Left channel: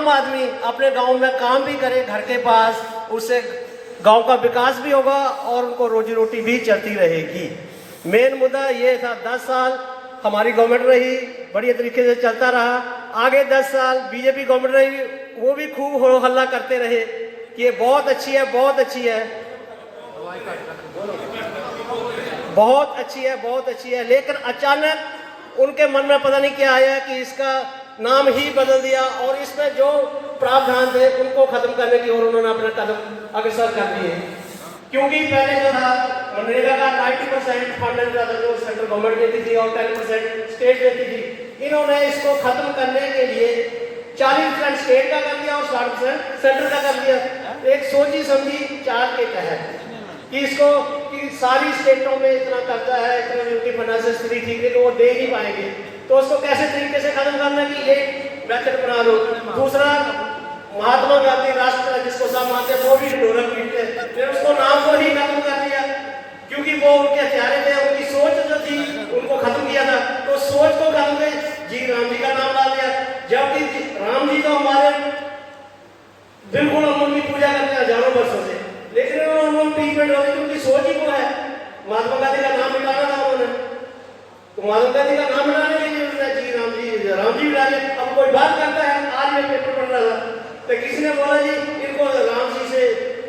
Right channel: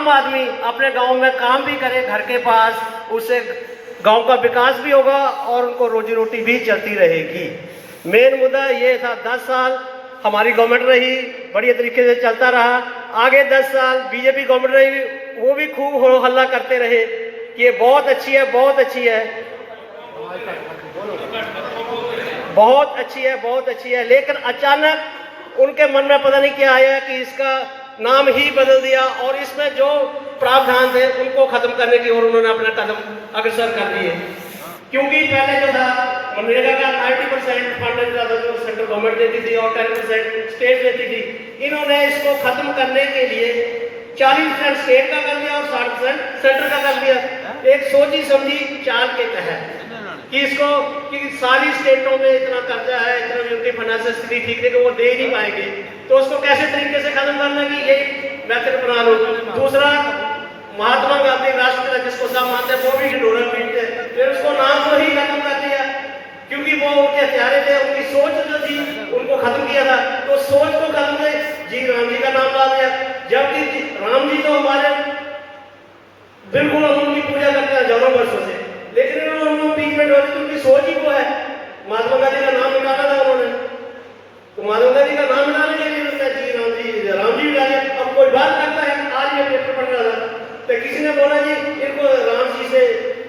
आम आदमी अपने गांव में काम भी करे घर के पास, उससे गांव का विकास भी होगा और उनको रोजी रोटी भी चलती रहेगी। मेन मुद्दा ये था, 10 साल हमारी गवर्नमेंट रही, बढ़िया तरीके से चलता रहा। आगे 10 साल बीजेपी गवर्नमेंट रही, वो भी खूब हो हल्ला करते रहे कि ये बहुत अच्छी है, बहुत अच्छी है, बहुत अच्छी है, बहुत अच्छी है। लेकिन अचानक उनके मन में पता नहीं क्या आया कि इसका नाम ही बदल दिया और इसमें जो प्रावधान थे उनको खत्म करने की ओर उन्होंने अपना कदम अग्रसर कर दिए। क्योंकि पहले जो था मनरेगा का 90% फंड देता था जो सेंट्रल गवर्नमेंट देती थी और 10% स्टेट देती थी। इन्होंने इसको खत्म करने के लिए 40% स्टेट का कर दिया और 60% सेंटर का कर दिया, एक सोची समझी चाल के तहत कि इसको कि सारी स्टेटों में इतना कर्जा है, इतना उनकी फाइनेंशियल स्थिति ठीक है कि वो दे ही नहीं पाएंगे, तो उसको कैसे तरीके से खत्म करना की ये मेथड बना लो। दूसरा, महात्मा गांधी राष्ट्रपिता जिसको सब मानते हैं वो भी ढोलक पीटते हैं, फिर उसको नाम को ही खत्म कर दिया क्योंकि वो उनके हथियारे थे, उनकी सोच जो थी उनको खत्म किया था, तो सोच को खत्म कर जी राम जी का नाम डाल दिया। जबकि राम जी तो हमारे बिल्कुल हम उनकी पूजा करते हैं हजारों वर्षों से, लेकिन उन्होंने ट्रीटमेंट वाली उनकी सोच ही वो है। महात्मा गांधी का नाम मिटाना था उन्होंने, तो महात्मा गांधी का नाम मिटाने के लिए जी राम जी मिटा दिया। अब कोई बात करता है, आज मैं पेपर पढ़ रहा था तो किसी ने बोला जी इनको राम जी से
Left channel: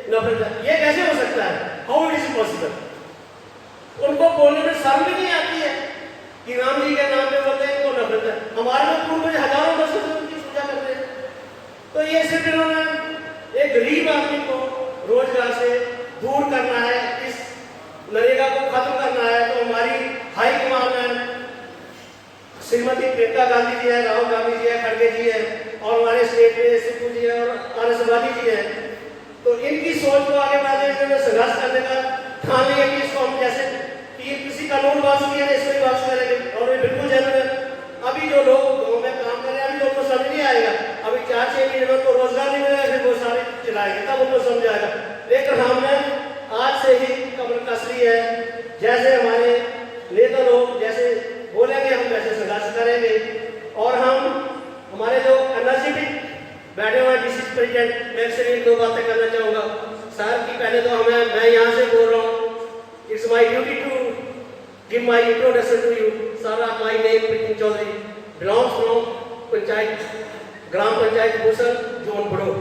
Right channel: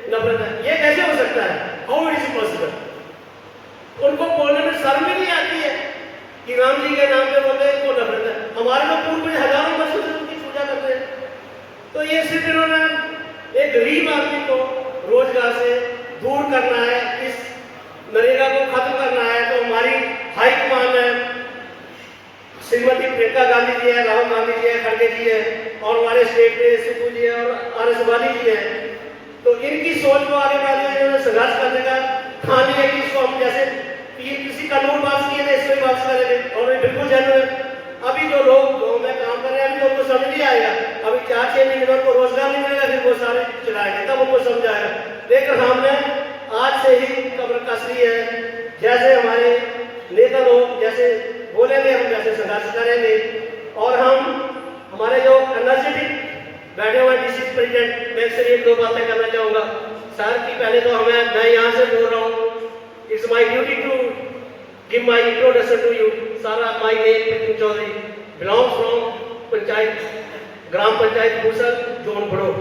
नफरत है, ये कैसे हो सकता है, हाउ इट इज पॉसिबल। उनको बोलने में शर्म भी नहीं आती है कि राम जी के नाम पे बोलते हैं इनको नफरत है, हमारे में पूर्वज हजारों वर्षों से उनकी पूजा करते हैं। तो ये सिर्फ इन्होंने एक गरीब आदमी को रोजगार से दूर करना है, इस नरेगा को खत्म करना है। तो हमारी हाईकमान है, श्रीमती प्रियंका गांधी जी है, राहुल गांधी जी है, खड़गे जी है और हमारे स्टेट में सिद्धू जी है और RS वाली जी है। तो इनकी सोच को आगे बढ़ाने संघर्ष करने का ठान लिया कि इसको हम जैसे किसी कानून पास किए थे इसको ही वापस करेंगे और ये बिल्कुल जेन्युइन है। अभी जो लोग गाँव में काम कर रहे हैं अभी तो उनको समझ नहीं आएगा, अभी 4-6 महीने में को रोजगार नहीं मिलेगा, फिर वो सारे चलाएंगे तब उनको समझ आएगा। लेकिन हमने आज से ही कमर कस ली है, जैसे हमारे नेता लोग जैसे बोलेंगे हम वैसे संघर्ष करेंगे। और हम हमारे जो एनर्जेटिक बैठे हुए DC प्रेसिडेंट, मैं सिर्फ 1-2 बातें करना चाहूँगा सर की। पहले तो मैं यहाँ से बोल रहा हूँ, it's my duty to give my introduction to you sir. My name Pintu Chaudhary, belongs from panchayat gram panchayat Bhusal, zone Bado,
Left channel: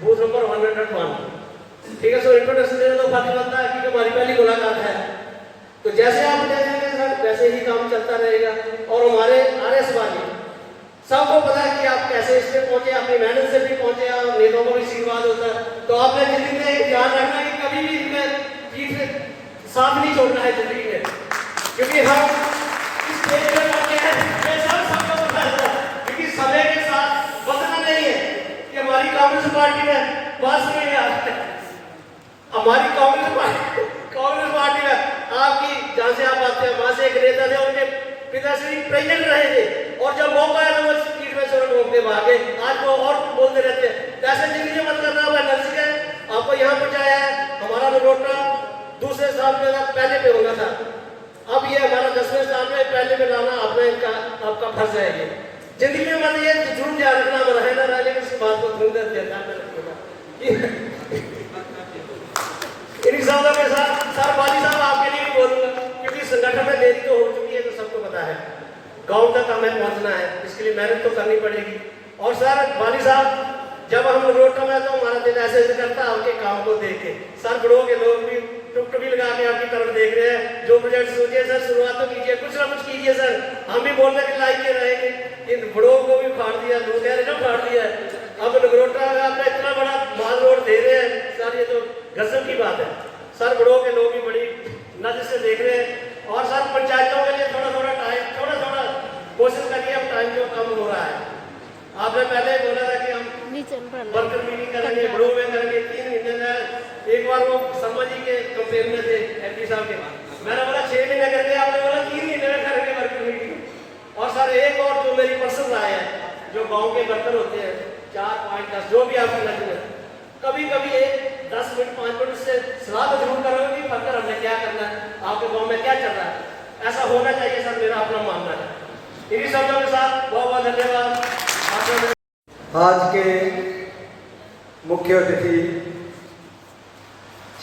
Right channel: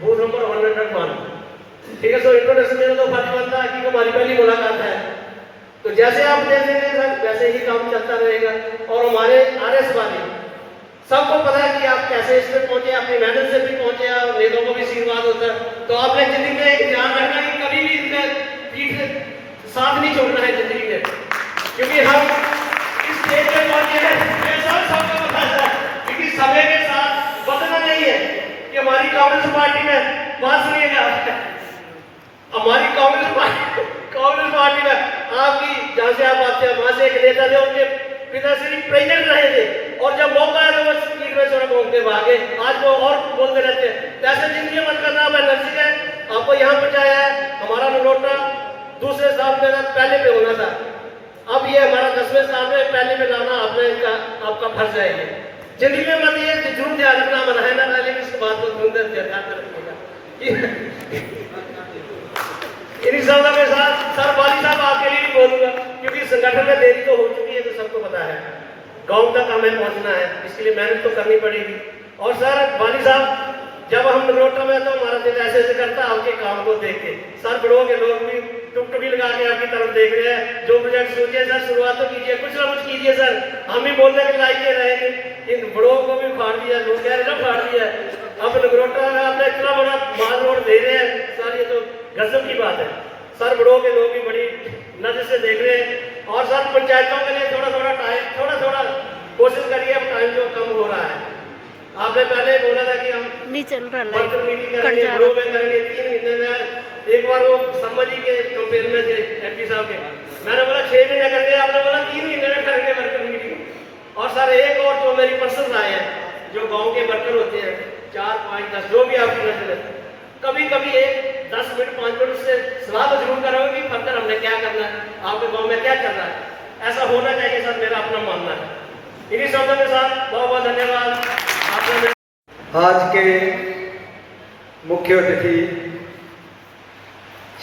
booth number 101। ठीक है, सो इंट्रोडक्शन देना तो बात बनता है कि हमारी पहली मुलाकात है, तो जैसे आप देखेंगे सर वैसे ही काम चलता रहेगा। और हमारे RS वाले सबको पता है कि आप कैसे इसमें पहुंचे, अपनी मेहनत से भी पहुंचे, आप नेताओं को भी आशीर्वाद होता है। तो आपने जिंदगी में एक ध्यान रखना कि कभी भी इसमें साथ नहीं छोड़ना है जिंदगी में, क्योंकि हम इस स्टेज पे पहुंचे हैं सबको पता है, क्योंकि समय के साथ बदलना नहीं है कि हमारी कांग्रेस पार्टी में बस नहीं है, हमारी कांग्रेस पार्टी में आपकी जहां से आप आते हैं वहां से एक नेता थे, उनके पिताश्री प्रेसिडेंट रहे थे और जब मौका आया तो वो स्पीड में चोर घूमते भागे, आज वो और बोलते रहते हैं। ऐसे जिंदगी मत करना, आप एनर्जी है, आपको यहाँ पहुंचाया है। हमारा नगरोटा दूसरे साल में पहले पे होना था, अब ये हमारा 10वें साल में पहले पे लाना आपने आपका फर्ज है। ये जिंदगी में मत ये जरूर ध्यान रखना, मन है ना वाली इस बात को ध्यान रखना के साथ सर वाली साहब आपके लिए भी बोलूंगा, क्योंकि संगठन में देरी तो हो चुकी है, तो सबको पता है गांव तक हमें पहुंचना है, इसके लिए मेहनत तो करनी पड़ेगी। और सर वाली साहब जब हम नगरोटा में तो हमारा दिल ऐसे ऐसे करता आपके काम को देख के। सर बड़ों के लोग भी टुकटुकी लगा के आपकी तरफ देख रहे हैं, जो प्रोजेक्ट सोचिए सर शुरुआत तो कीजिए, कुछ ना कुछ कीजिए सर, हम भी बोलने के लायक ये रहेंगे। इन बड़ों को भी फाड़ दिया, दूसरे ने फाड़ दिया, अब नगरोटा में आपने इतना बड़ा माल रोड दे रहे हैं सर, ये तो गजब की बात है। सर बड़ों के लोग भी बड़ी नजर से देख रहे हैं। और सर पंचायतों के लिए थोड़ा थोड़ा कोशिश करिए, अब टाइम जो कम हो रहा है। आपने पहले बोला था कि हम नहीं चल रहा वर्कर मीटिंग करेंगे, ग्रुप में करेंगे 3 महीने में एक बार। वो शर्मा जी के कंपेयर में थे MP साहब के, मैंने बोला 6 महीने करके, आपने बोला 3 महीने में करेंगे वर्कर मीटिंग। और सर एक और जो मेरी पर्सन आए हैं, जो गाँव के वर्कर होते हैं 4, 5, 10 जो भी आपकी नजर है, कभी कभी 10 मिनट 5 मिनट उससे सलाह तो जरूर करोगे कि फर्दर हमने क्या करना है, आपके गाँव में क्या चल रहा है, ऐसा होना चाहिए सर, मेरा अपना मानना है। इन्हीं शब्दों के साथ बहुत बहुत धन्यवाद। आज के मुख्य अतिथि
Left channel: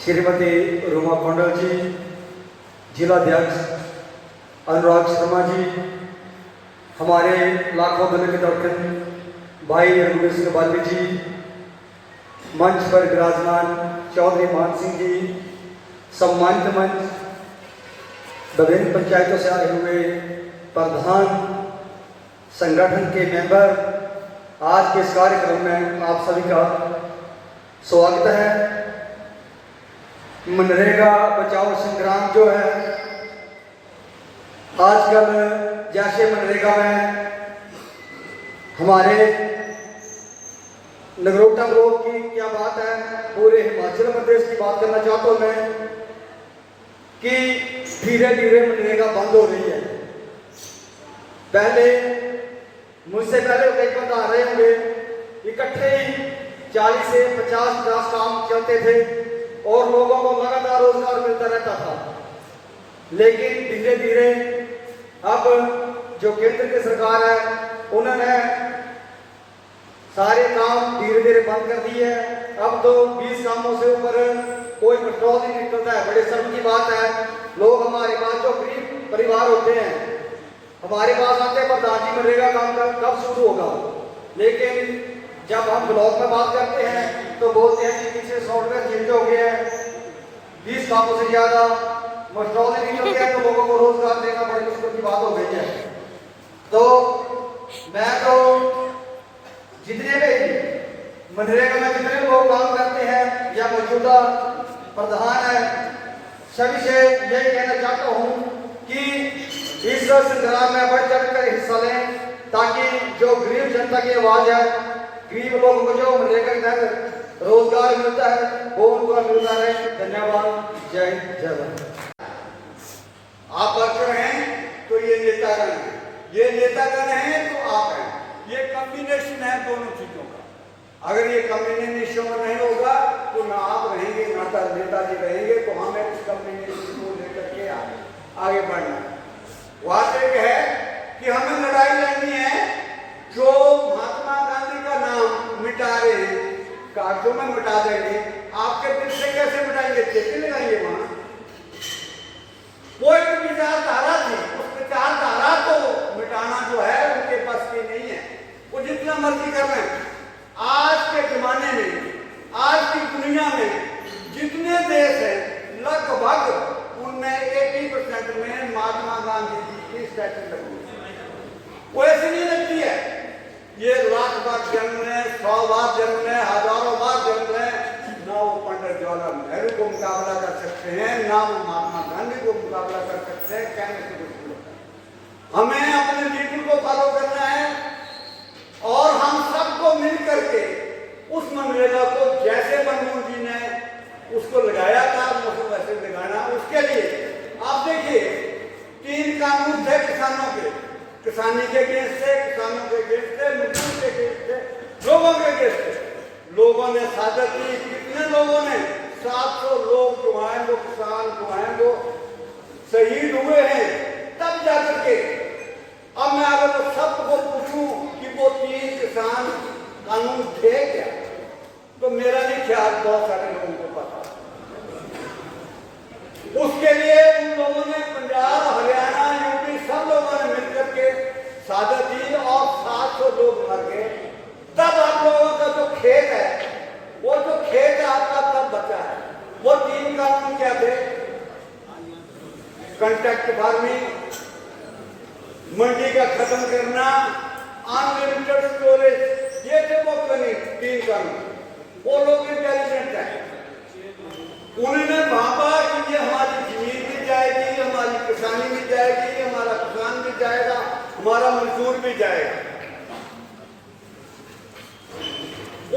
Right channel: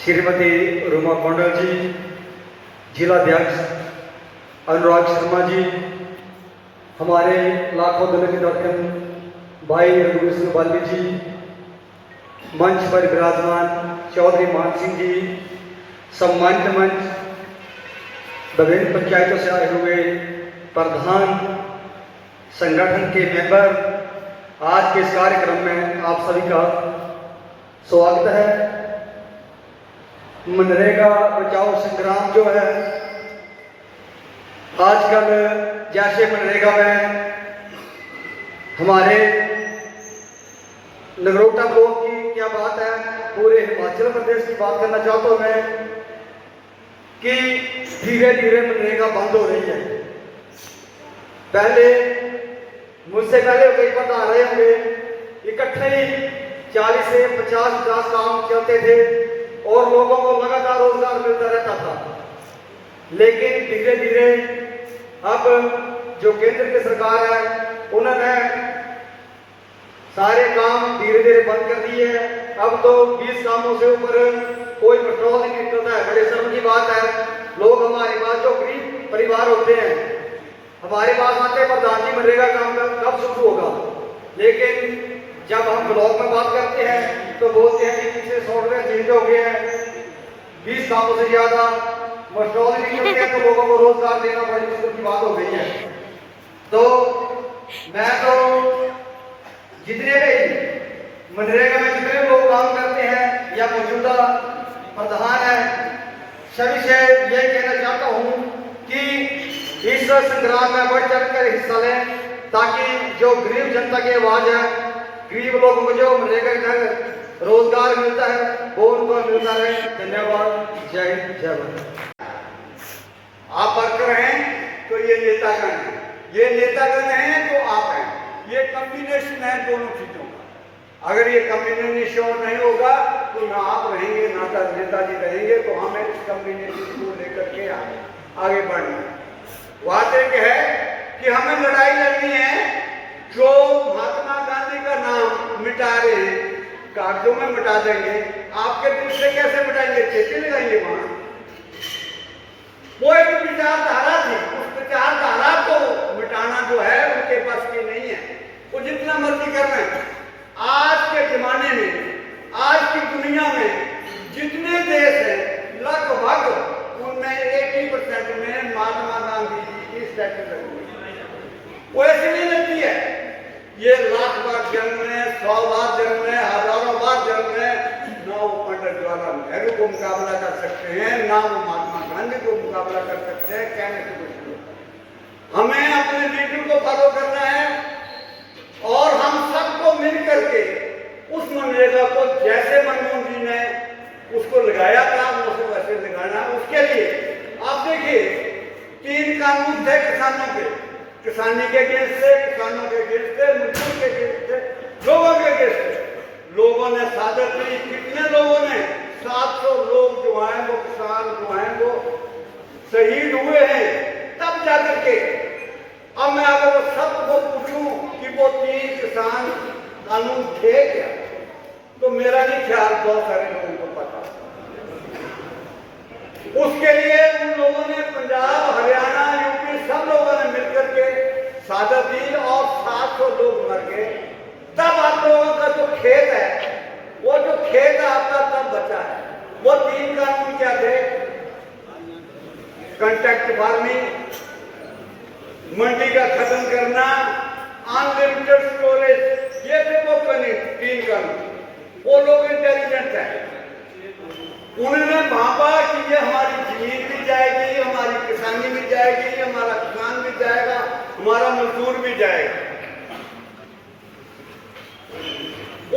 श्रीमती रूमा मंडल जी, जिलाध्यक्ष अनुराग शर्मा जी, हमारे लाखों दल के दर्शक भाई रघुवीर सिंह बाली जी, मंच पर विराजमान चौधरी मान सिंह जी, सम्मानित मंच, विभिन्न पंचायतों से आए हुए प्रधान, संगठन के मेंबर, आज के इस कार्यक्रम में आप सभी का स्वागत है। मनरेगा बचाओ संग्राम जो है, आजकल जैसे मनरेगा में हमारे नगरोटा ब्लॉक की क्या बात है, पूरे हिमाचल प्रदेश की बात करना चाहता हूं मैं कि धीरे धीरे मनरेगा बंद हो रही है। पहले मुझसे पहले कई बंद आ रहे होंगे, इकट्ठे ही 40 से 50 काम चलते थे और लोगों को लगातार रोजगार मिलता रहता था। लेकिन धीरे धीरे अब जो केंद्र की सरकार है, उन्होंने सारे काम धीरे धीरे बंद कर दिए है। अब तो 20 कामों से ऊपर कोई पेट्रोल नहीं निकलता है। बड़े शर्म की बात है, लोग हमारे पास जो गरीब परिवार होते हैं हमारे पास आते हैं, प्रधान जी मनरेगा काम कब शुरू होगा, लेकिन जब हम ब्लॉक में बात करते हैं तो बोलते हैं कि पीछे सॉफ्टवेयर चेंज हो गया है, 20 कामों से ज्यादा पेट्रोल नहीं निकलते हैं, तो लोगों को रोजगार देना बड़ी मुश्किल की बात हो गई है। तो मैं तो जितने भी मनरेगा में जितने लोग काम करते हैं या मौजूदा प्रधान है, सभी से यही कहना चाहता हूं कि इस संग्राम में बढ़ चढ़ कर हिस्सा लें, ताकि जो गरीब जनता की आवाज है, गरीब लोगों को जो मनरेगा के तहत रोजगार मिलता है वो उनको मिलता रहे। धन्यवाद। जय हिंद, जय भारत। आप वर्कर हैं तो ये नेतागण हैं, ये नेतागण हैं तो आप हैं, ये कॉम्बिनेशन है दोनों चीजों का। अगर ये कॉम्बिनेशन नहीं होगा तो ना आप रहेंगे ना नेताजी रहेंगे, तो हमें इस कॉम्बिनेशन को लेकर के आगे बढ़ना है। बात एक है कि हमें लड़ाई लड़नी है, जो महात्मा गांधी का नाम मिटा रहे हैं, कागजों में मिटा देंगे, आपके दिल से कैसे मिटाएंगे? चेते लगाएंगे वहां। वो एक विचारधारा थी, उस विचारधारा को मिटाना जो है उनके पास की नहीं है, वो जितना मर्जी कर रहे हैं। आज के जमाने में, आज की दुनिया में जितने देश हैं लगभग उनमें 80% में महात्मा गांधी जी की स्टैचू लगी है। वो ऐसी नहीं लगती है, ये लाख बार जन्म है, 100 बार जन्म है, हजारों बार जन्म है, ना वो पंडित जवाहरलाल नेहरू को मुकाबला कर सकते हैं, ना वो महात्मा गांधी को मुकाबला कर सकते हैं। कहने से कुछ हमें अपने लीडर को फॉलो करना है और हम सबको मिल करके उस मनरेगा को जैसे मनमोहन जी ने उसको लगाया था उसको वैसे लगाना। उसके लिए आप देखिए 3 कानून थे किसानों के, किसानी के अगेंस्ट से, किसानों के अगेंस्ट से, मजदूर के अगेंस्ट से, लोगों के अगेंस्ट से। लोगों ने सादत दी, कितने लोगों ने 700 लोग जो हैं वो किसान जो हैं वो शहीद हुए हैं, तब जाकर के। अब मैं अगर वो सबको पूछूं कि वो 3 किसान कानून थे क्या, तो मेरा नहीं ख्याल बहुत सारे लोगों को पता। उसके लिए उन लोगों ने पंजाब, हरियाणा, यूपी सब लोगों ने मिलकर के सादत दी और 700 लोग मर गए। तब आप लोगों का जो खेत है, वो जो खेत है आपका तब बचा है। वो 3 कानून क्या थे? कॉन्ट्रैक्ट फार्मिंग, मंडी का खत्म करना, अनलिमिटेड स्टोरेज, ये थे वो 3 कानून। वो लोग इंटेलिजेंट है, उन्होंने भापा कि ये हमारी जमीन भी जाएगी, हमारी किसानी भी जाएगी, हमारा किसान भी जाएगा, हमारा मजदूर भी जाएगा।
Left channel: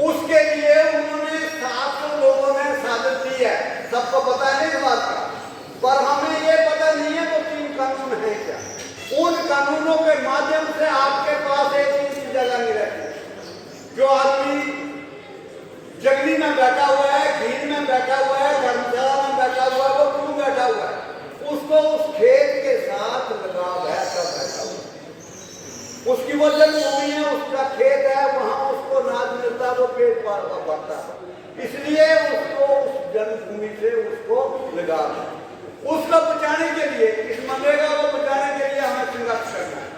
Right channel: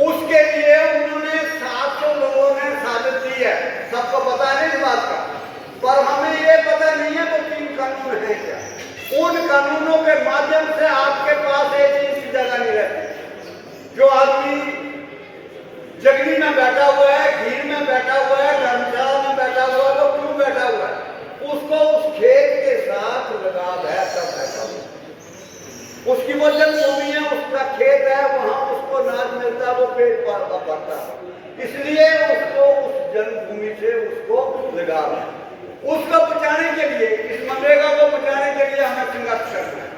उसके लिए उन्होंने 700 लोगों ने साजिश दी है। सबको पता है इस बात का, पर हमें ये पता नहीं है वो 3 कानून है क्या। उन कानूनों के माध्यम से आपके पास एक चीज की जगह नहीं रहती। जो आदमी जगनी में बैठा हुआ है, घीर में बैठा हुआ है, धर्मशाला में बैठा हुआ है, वो क्यों बैठा हुआ है? उसको उस खेत के साथ लगाव है, सब बैठा हुआ है। उसकी वो जन्मभूमि है, उसका खेत है, वहां उसको उसको बचाने के लिए, इस मनरेगा को बचाने के लिए हमें संघर्ष करना है।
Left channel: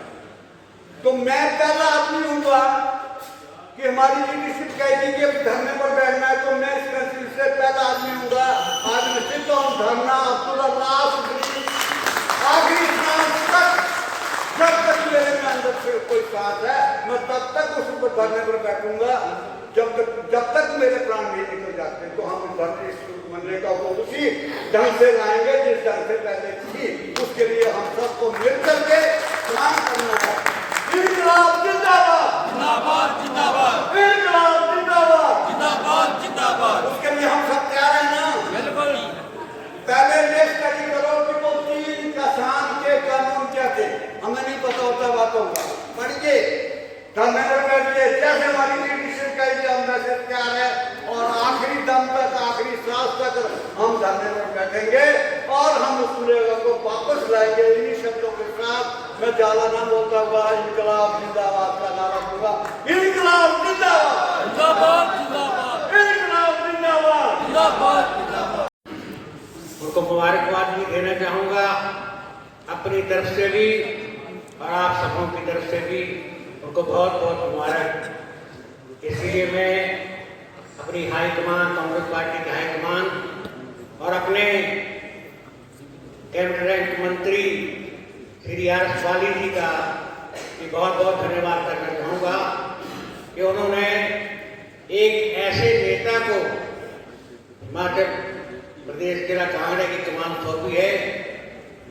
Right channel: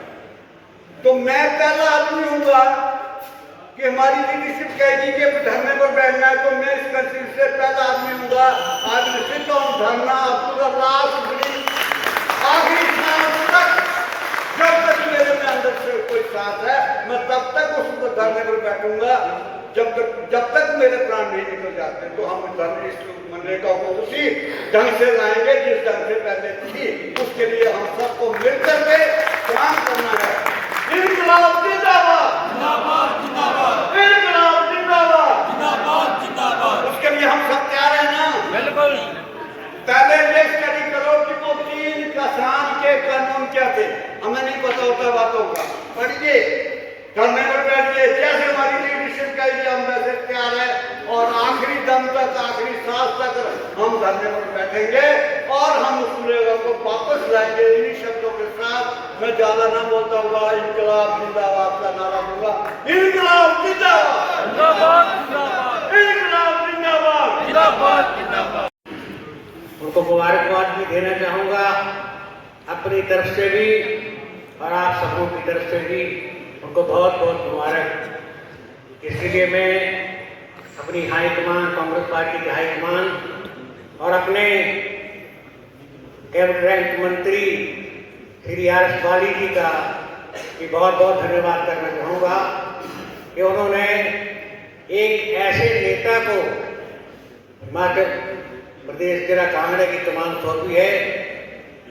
तो मैं पहला आदमी हूँगा कि हमारी लीडरशिप कहेगी कि धरने पर बैठना है, तो मैं इसमें से पहला आदमी हूँगा। आज निश्चित हम धरना पूरा लास्ट आखिरी सांस तक, जब तक मेरे में अंदर से कोई सांस है, मैं तब तक उस धरने पर बैठूंगा जब तक मेरे प्राण नहीं निकल जाते। तो हम धरने इस मनरेगा को उसी ढंग से लाएंगे जिस ढंग से पहले थी। उसके लिए हम सबको मिलकर के काम करना है। इनकलाब जिंदाबाद, जिंदाबाद जिंदाबाद, इनकलाब जिंदाबाद, जिंदाबाद जिंदाबाद। उसके लिए हम सब तैयार हैं ना? बिल्कुल। पहले ये स्टडी करो कि वो 3 किसान के कानून क्या थे, हमें नहीं पता होता बातों का। पढ़िए, धरने पर बैठिए, जैसे हमारी लीडरशिप कहेगी हम वैसे तैयार है। और आखिरी दम तक, आखिरी सांस तक हम धरने पर बैठेंगे और हम उस मनरेगा को वापस लाएंगे। इन्हीं शब्दों के साथ मैं ज्यादा ना बोलता हुआ इनकलाब जिंदाबाद का नारा दूंगा। इनकलाब जिंदाबाद, जिंदाबाद जिंदाबाद, इनकलाब जिंदाबाद, जिंदाबाद जिंदाबाद। उनको मुबारकबाद भी देना चाहूँगा अपनी तरफ से भी और आप सबों की तरफ से भी उनको बहुत बहुत मुबारक। इसलिए मैं अपनी हाईकमान, कांग्रेस पार्टी के हाईकमान और अपने कैबिनेट मंत्री श्री आर.एस. वाली जी का भी बहुत बहुत धन्यवाद करना चाहूँगा कि उन्होंने एक ऐसे नेता को हिमाचल प्रदेश जिला कांगड़ा की कमान सौंपी है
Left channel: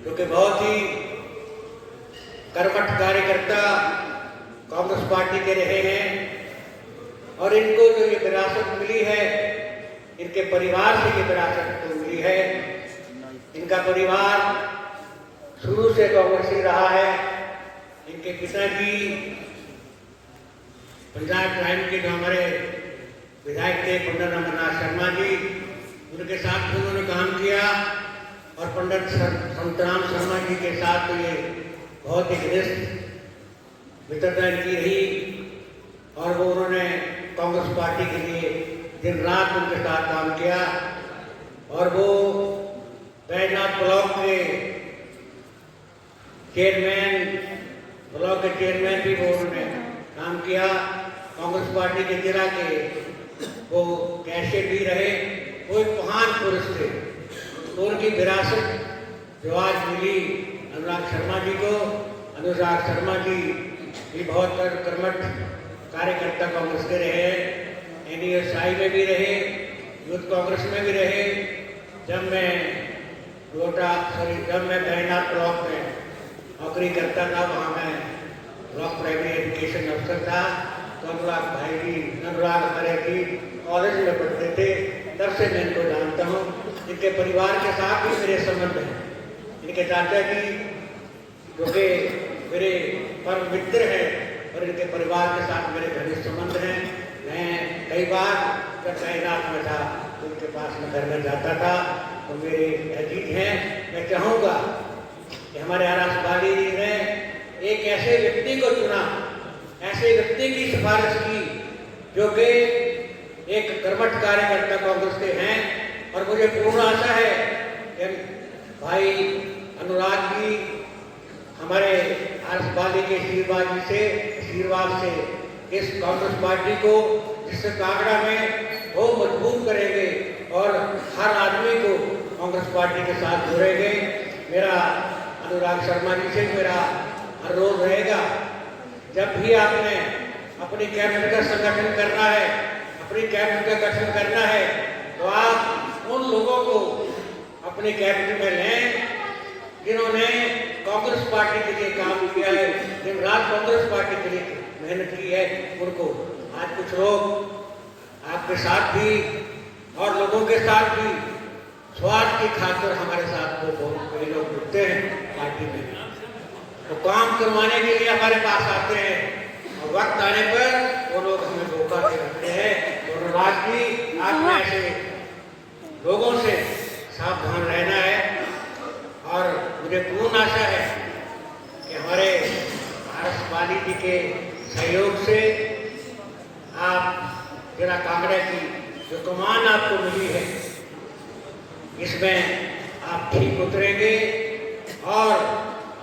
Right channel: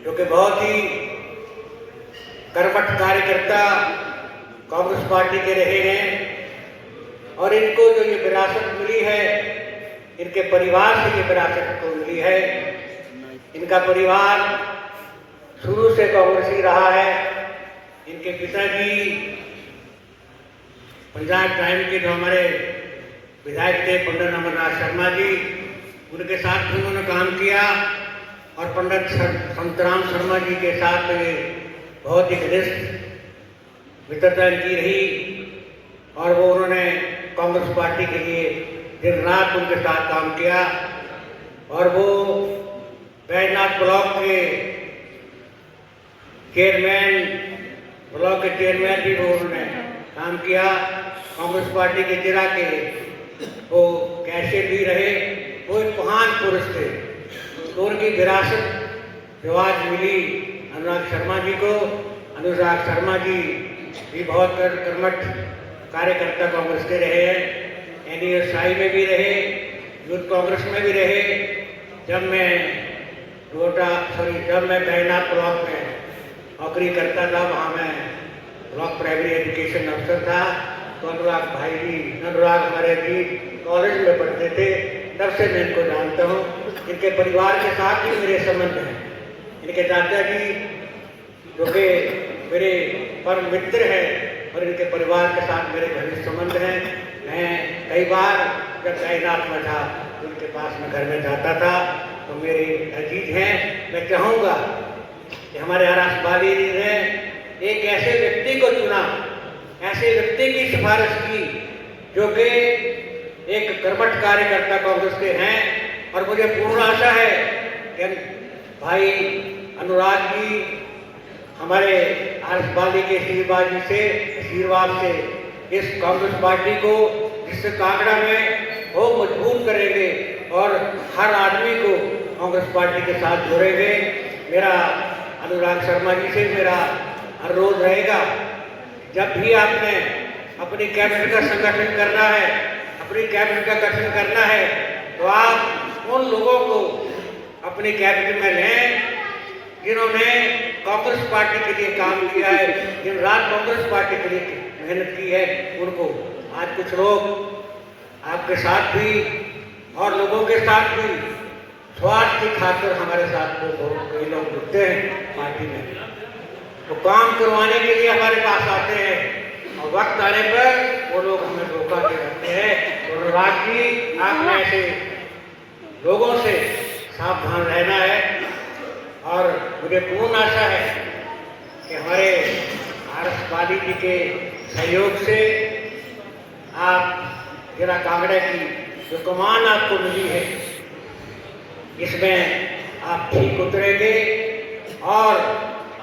जो कि बहुत ही कर्मठ कार्यकर्ता कांग्रेस पार्टी के रहे हैं। और इनको जो ये विरासत मिली है, इनके परिवार से ये विरासत को मिली है। इनका परिवार शुरू से कांग्रेसी रहा है। इनके पिताजी पंजाब टाइम के जो हमारे विधायक थे पंडित अमरनाथ शर्मा जी, उनके साथ भी उन्होंने काम किया। और पंडित संतराम शर्मा जी के साथ ये बहुत ही घनिष्ठ मित्रता की रही। और वो उन्होंने कांग्रेस पार्टी के लिए दिन रात उनके साथ काम किया। और वो बैजनाथ ब्लॉक के चेयरमैन, ब्लॉक के चेयरमैन भी वो उन्होंने काम किया। कांग्रेस पार्टी के जिला के वो कैशियर भी रहे। वो एक महान पुरुष थे। तो उनकी विरासत जो आज मिली अनुराग शर्मा जी को, अनुराग शर्मा जी भी बहुत कर्मठ कार्यकर्ता कांग्रेस के रहे हैं। NESI में भी रहे, यूथ कांग्रेस में भी रहे। जब मैं बैजनाथ ब्लॉक में नौकरी करता था, वहाँ मैं ब्लॉक प्राइमरी एजुकेशन अफसर था। तो अनुराग भाई जी, अनुराग हमारे जी कॉलेज में पढ़ते थे, तब से मैं इनको जानता हूँ। इनके परिवार के साथ भी मेरे संबंध हैं। इनके चाचा जी जो कि मेरे परम मित्र हैं और इनके परिवार के साथ मेरे घनिष्ठ संबंध हैं। मैं कई बार जब तैनात में था तो उनके पास में घर में जाता था। तो मेरे अजीज हैं। मैं चाहूँगा कि हमारे आर.एस. वाली जी ने एक ऐसे व्यक्ति को चुना, ऐसे व्यक्ति की सिफारिश की जो कि एक कर्मठ कार्यकर्ता कांग्रेस के हैं। और मुझे पूर्ण आशा है कि भाई अनुराग जी हमारे आर.एस. वाली के आशीर्वाद से इस कांग्रेस पार्टी को, जिससे कांगड़ा में वो मजबूत करेंगे और हर आदमी को कांग्रेस पार्टी के साथ जोड़ेंगे। मेरा अनुराग शर्मा जी से मेरा अनुरोध रहेगा, जब भी आपने अपनी कैबिनेट का संगठन करना है, अपनी कैबिनेट का गठन करना है, तो आप उन लोगों को अपनी कैबिनेट में लें जिन्होंने कांग्रेस पार्टी के लिए काम किया है, दिन रात कांग्रेस पार्टी के लिए मेहनत की है। उनको आज कुछ लोग आपके साथ भी और लोगों के साथ भी स्वार्थ की खातिर हमारे साथ कोई लोग जुड़ते हैं पार्टी में, तो काम करवाने के लिए हमारे पास आते हैं और वक्त आने पर वो लोग हमें धोखा दे रखते हैं। तो अनुराग जी, आपने ऐसे लोगों से सावधान रहना है। और मुझे पूर्ण आशा है कि हमारे आर.एस. वाली जी के सहयोग से आप जिला कांगड़ा की जो कमान आपको मिली है, इसमें आप ठीक उतरेंगे और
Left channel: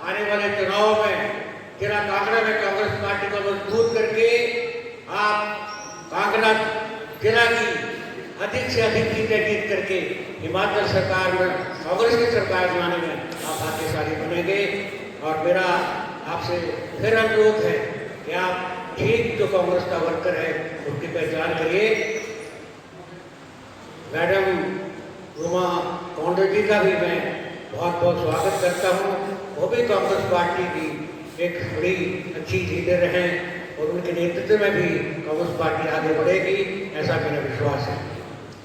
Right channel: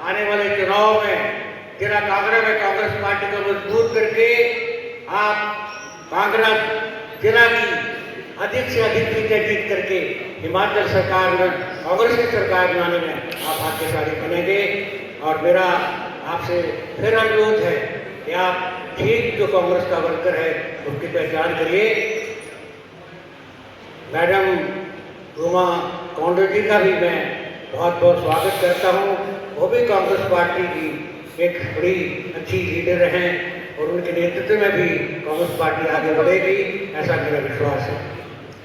आने वाले चुनाव में जिला कांगड़ा में कांग्रेस पार्टी को मजबूत करके आप कांगड़ा जिला की अधिक से अधिक सीटें जीत करके हिमाचल सरकार में कांग्रेस की सरकार बनाने में आप भाग्यशाली बनेंगे। और मेरा आपसे फिर अनुरोध है कि आप ठीक जो कांग्रेस का वर्कर है उसकी पहचान करिए। मैडम रूमा कौंडल जी का भी मैं बहुत बहुत स्वागत करता हूँ। वो भी कांग्रेस पार्टी की एक बड़ी अच्छी लीडर हैं और उनके नेतृत्व में भी कांग्रेस पार्टी आगे बढ़ेगी, ऐसा मेरा विश्वास है।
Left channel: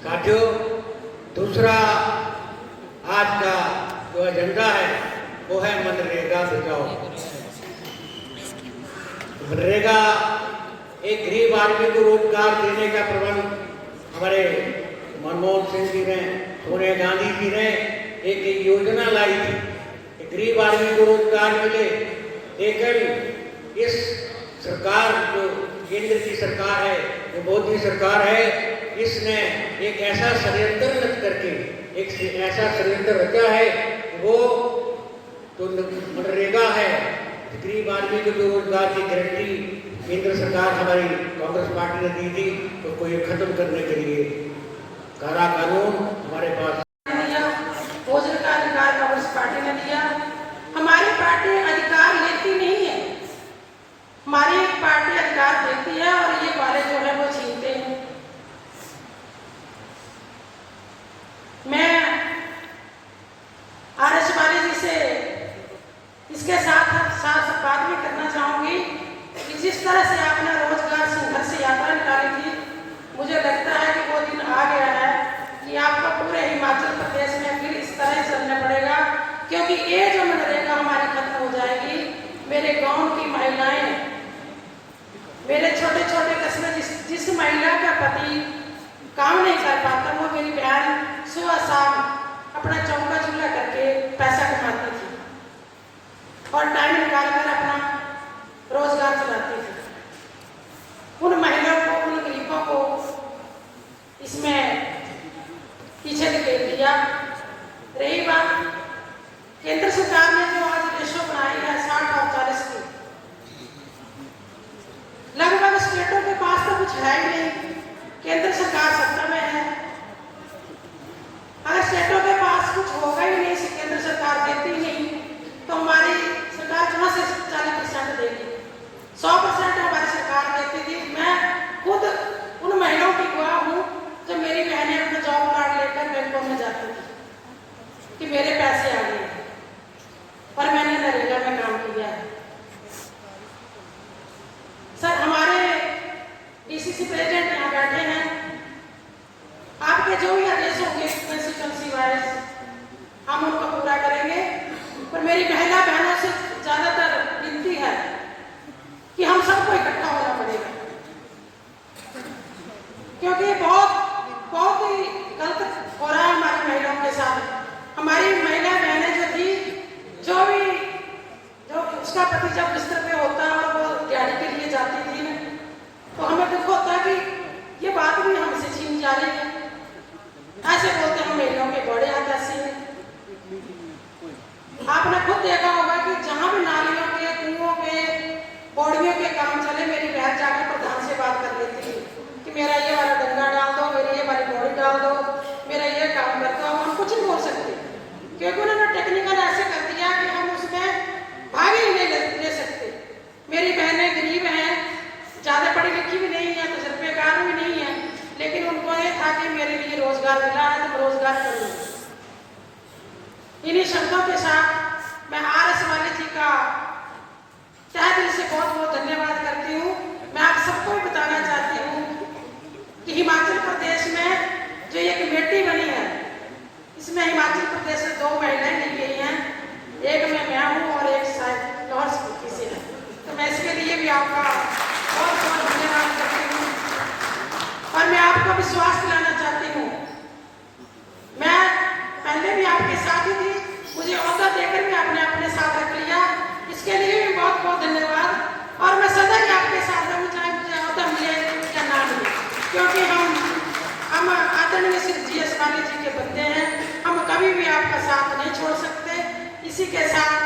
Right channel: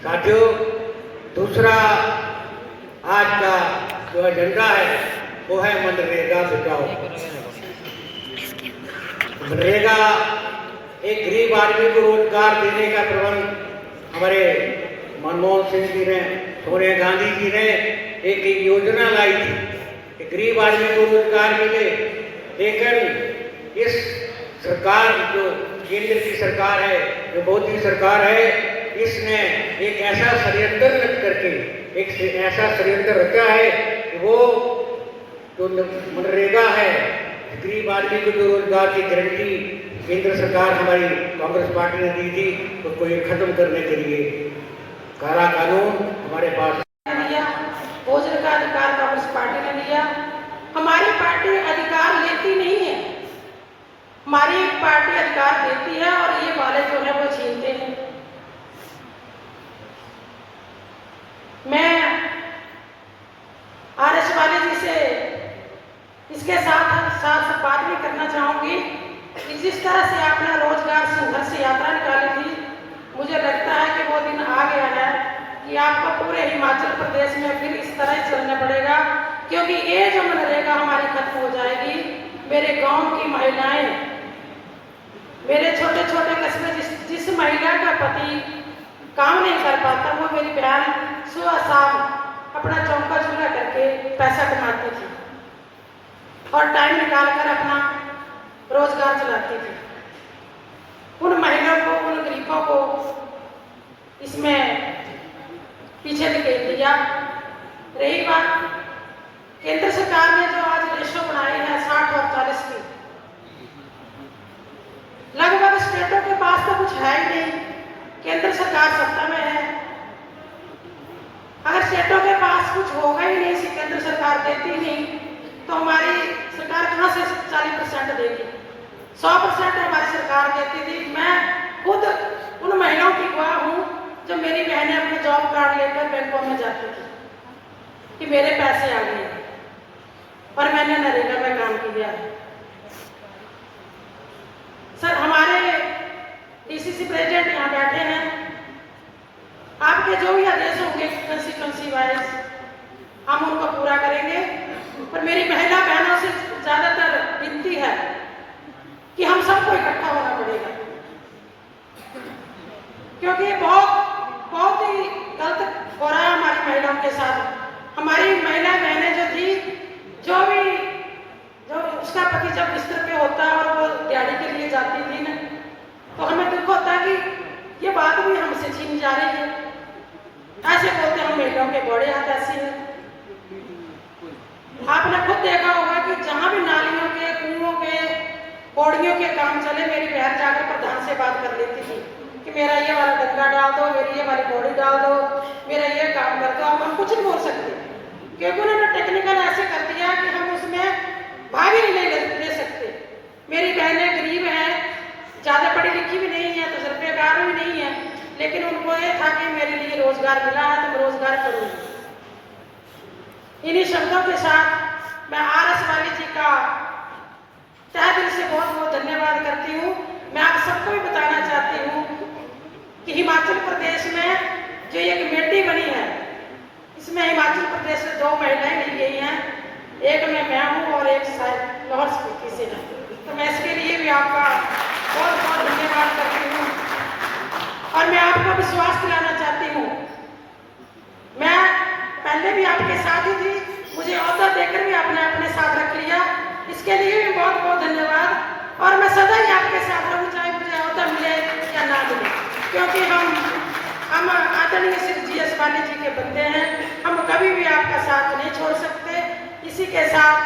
साथियों, दूसरा आज का जो एजेंडा है वो है मनरेगा बचाओ। मनरेगा एक गरीब आदमी को रोजगार देने का प्रबंध हमारे मनमोहन सिंह जी ने, सोनिया गांधी जी ने एक योजना लाई थी कि गरीब आदमी को रोजगार मिले। लेकिन इस सरकार जो केंद्र की सरकार है, जो मोदी सरकार है, इसने एक ऐसा षड्यंत्र रच करके एक ऐसा षड्यंत्र रचा है कि वो जो मनरेगा है, गरीब आदमी को जो रोजगार की गारंटी केंद्र सरकार हमारी कांग्रेस पार्टी ने दी थी, उसको ये खत्म करने के लिए काला कानून हमारे पास भोजन का अधिकार कांग्रेस पार्टी ने दिया। हमारी पार्टी अधिकार लेती नहीं है, हमारी एक पार्टी अधिकार देती है और ये वाले जो है वो छीनते हैं। मैं आरएस वाले जी से इसके साथ साथ बात भी करना चाहूंगी कि जिस तरह से आपने रोजगार संघर्ष यात्रा निकाली थी, मुझे लगता है कि वो दिन आ गया है कि आपको पूरे हिमाचल प्रदेश में फिर इस तरह से चलना पड़ेगा, क्योंकि ये जो मनरेगा हमारी खत्म हो जाएगी। मेरे गांव की महिलाएं, मेरे छोटे छोटे कस्बे जिस महिला का पति काम नहीं कर पाता, वो मेरी बहन सुबह शाम अपना चौका चूल्हा करके पैसा कमाती थी और टाइम निकाल कर अपना रोजगार चलाती थी। उन महिलाओं को, उन गरीबों को इसमें पीछे धकेल दिया। रही बात केंद्र सरकार ने जो आज रेशो बनाई है 60 और 40 की, लगभग स्टेटों के पास तो कुछ है ही नहीं। केंद्र सरकार सत्ता में है, अगर स्टेटों के पास कुछ होगा ही नहीं, केंद्र सरकार देती ही नहीं, तो हमारी सरकार कहाँ से 40% देगी? 100% हमारी सरकार देती थी। मैं खुद उन महिलाओं की गवाह हूँ जब मेरी बहनें अपने जॉब कार्ड लेकर बैंकों में जाती थी कि मेरे पैसे आ गए और मैंने नरेगा में काम किया है। सर, हमारे डीसीसी प्रेसिडेंट यहाँ बैठे हैं, आपके जो भी आदेश होंगे कंस्टिट्यूंसी वाइज हम उनको पूरा करेंगे। पर मेरी महिला बहनों से ज्यादातर विनती है कि हम सबको इकट्ठा होना पड़ेगा, क्योंकि ये बहुत ही गलत हो रहा है हमारी महिलाओं के साथ। हमारी महिला बहनें जो थी, जो उसका पति जब बिस्तर पे होता है और वो दिहाड़ी के लिए जाती थी ना, तो हमें दुख होता है कि ये बात भी हमसे छीन जा रही है। ऐसे बोलते हम महिलाओं के बड़े हाथ ऐसे हैं। आपने खुद देखा होगा कि जहां भी नालियों के, कुओं के, पौड़ियों के काम चले, मेरी बहन जाकर प्रधान से बात कर लेती थी कि मेरा ये वाला डंगा डाल दो, मेरी ये वाली पौड़ी डाल दो, मेरा ये काम कर दो। हम कुछ नहीं बोल सकते, क्योंकि उन्होंने टेक्निकल ऐसे कर दिया कि हम उसमें भाग ही नहीं ले सकते। मेरी बहनें गरीब हैं, ज़्यादा पढ़ी लिखी भी नहीं है, तजुर्बेकार भी नहीं है, लेकिन उनको ये था कि मेरे लिए रोजगार मिला है तो रोजगार करूँगी। इन्हीं शब्दों के साथ मैं आरएस वाले जी का तहे दिल से बहुत बहुत धन्यवाद करती हूँ। मैं आप सबको भी बताना चाहती हूँ कि हिमाचल प्रदेश में जो एक कमेटी बनी है, इसमें हिमाचल प्रदेश से 2 महिलाएं ली गई हैं, एक में मैं हूँ और एक शायद लाहौल स्पीति से है। तो मैं इसके लिए भी आपका बहुत बहुत धन्यवाद करती हूँ और मैं आपको विश्वास दिलाना चाहती हूँ। मैं पहले भी आपके साथ ही थी, मुझे औहदा देकर भी आपने अपने साथ रख लिया, इसके लिए भी बहुत बहुत धन्यवाद। और मैं सदा ही आपके साथ रहूँ, चाहे मुझे औहदा मिले या ना मिले, क्योंकि हम आदरणीय श्री GS वाले जी के बंदे हैं। हम कभी भी आपका साथ इसी के साथ